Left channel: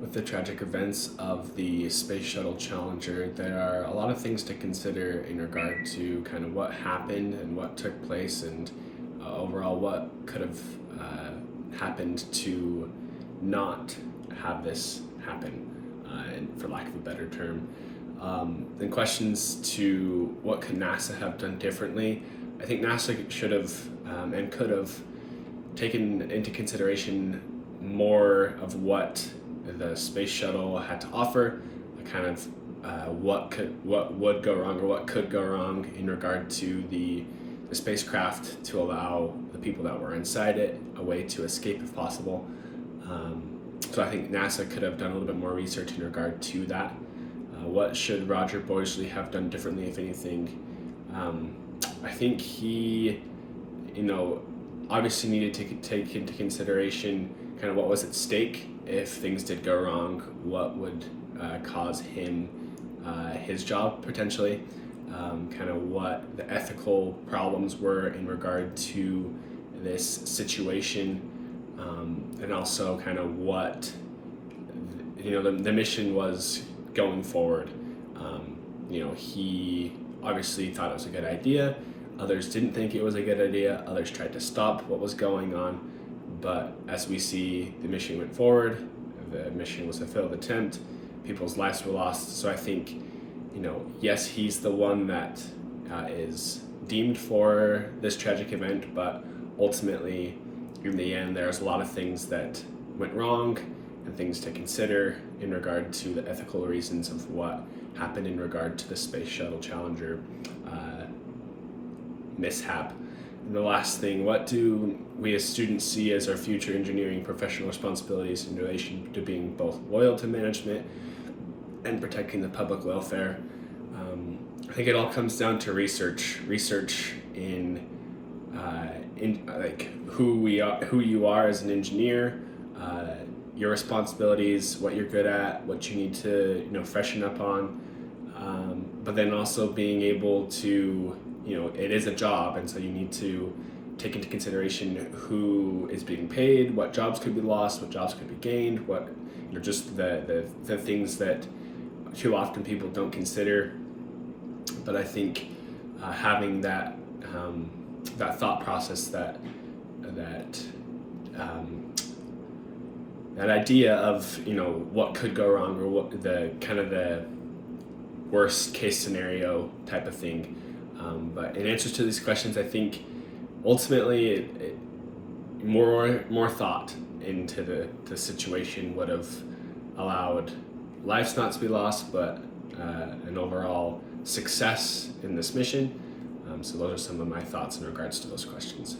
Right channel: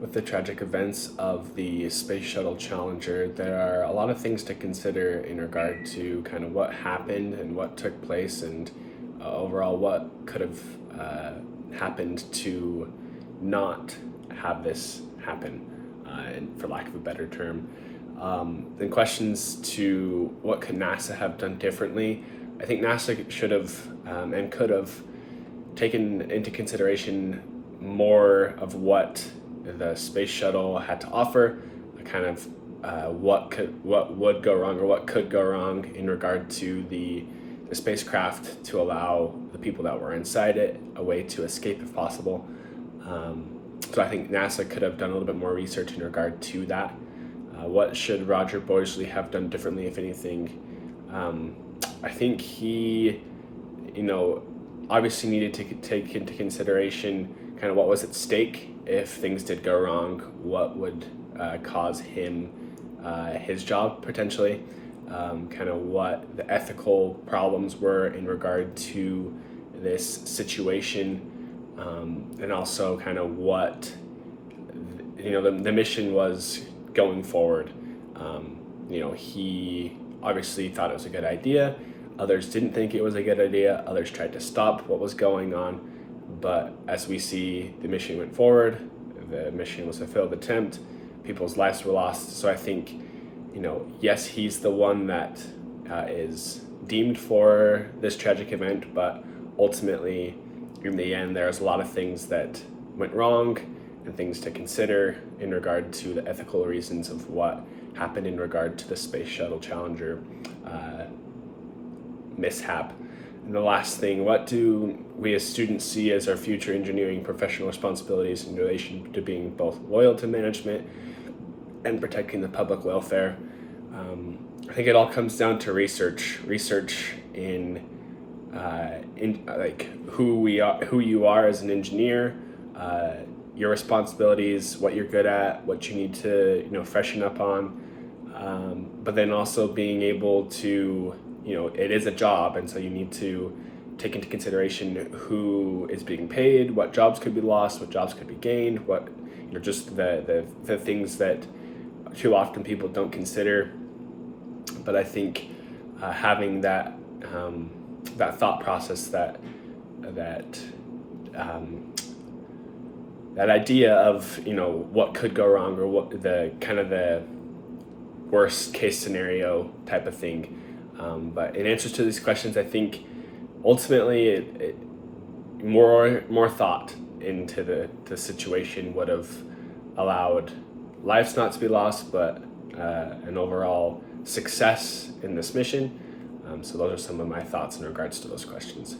With the tragic events of the Space Shuttle Challenger, there are a lot of things to consider in regard to kind of what happened and what took place, and overall what could have happened to not have this happen, and for lack of a better term. Then questions to what could NASA have done differently. I think NASA should have and could have taken into consideration more of what the space shuttle had to offer, kind of what would go wrong or what could go wrong in regard to the spacecraft, to allow the people that were inside it a way to escape if possible. So I think NASA could have done a little bit more research in regard to that. What should Roger Boisley have done differently, if anything? I think he, obviously needed to take into consideration kind of what was at stake if things did go wrong, what would cause him his job potentially, kind of what the ethical problems were in regard to this situation, and also kind of what the mission was going forward. He obviously thought it was a good idea. Others didn't think it was a good idea. Others tried to stop what was going on. But as we see, the mission went forward. The mission was a failed attempt. People's lives were lost. So I think, yes, he's the one that is deemed for this tragic event, but ultimately, in the end, there's a lot of things that went wrong and things to consider in regard to the ethical reasons of what happened in regard to the Space Shuttle Challenger mishap. And the last thing, what do we as students see as our future engineering professional responsibilities in relation to being both loyal to management and protecting the public welfare? I think it all comes down to research in like who you are as an engineer, your responsibilities, what you're good at, what you need to freshen up on, but then also being able to, it is a job, and so you need to take into consideration who is being paid, what jobs could be lost, what jobs could be gained, what just the things that too often people don't consider. But I think having that thought process, that idea of what could go wrong, or what the kind of the worst case scenario type of thing. But in answer to these questions, I think ultimately more thought into the situation would have allowed lives not to be lost, but an overall success in this mission. So those are some of my thoughts in regards to those questions.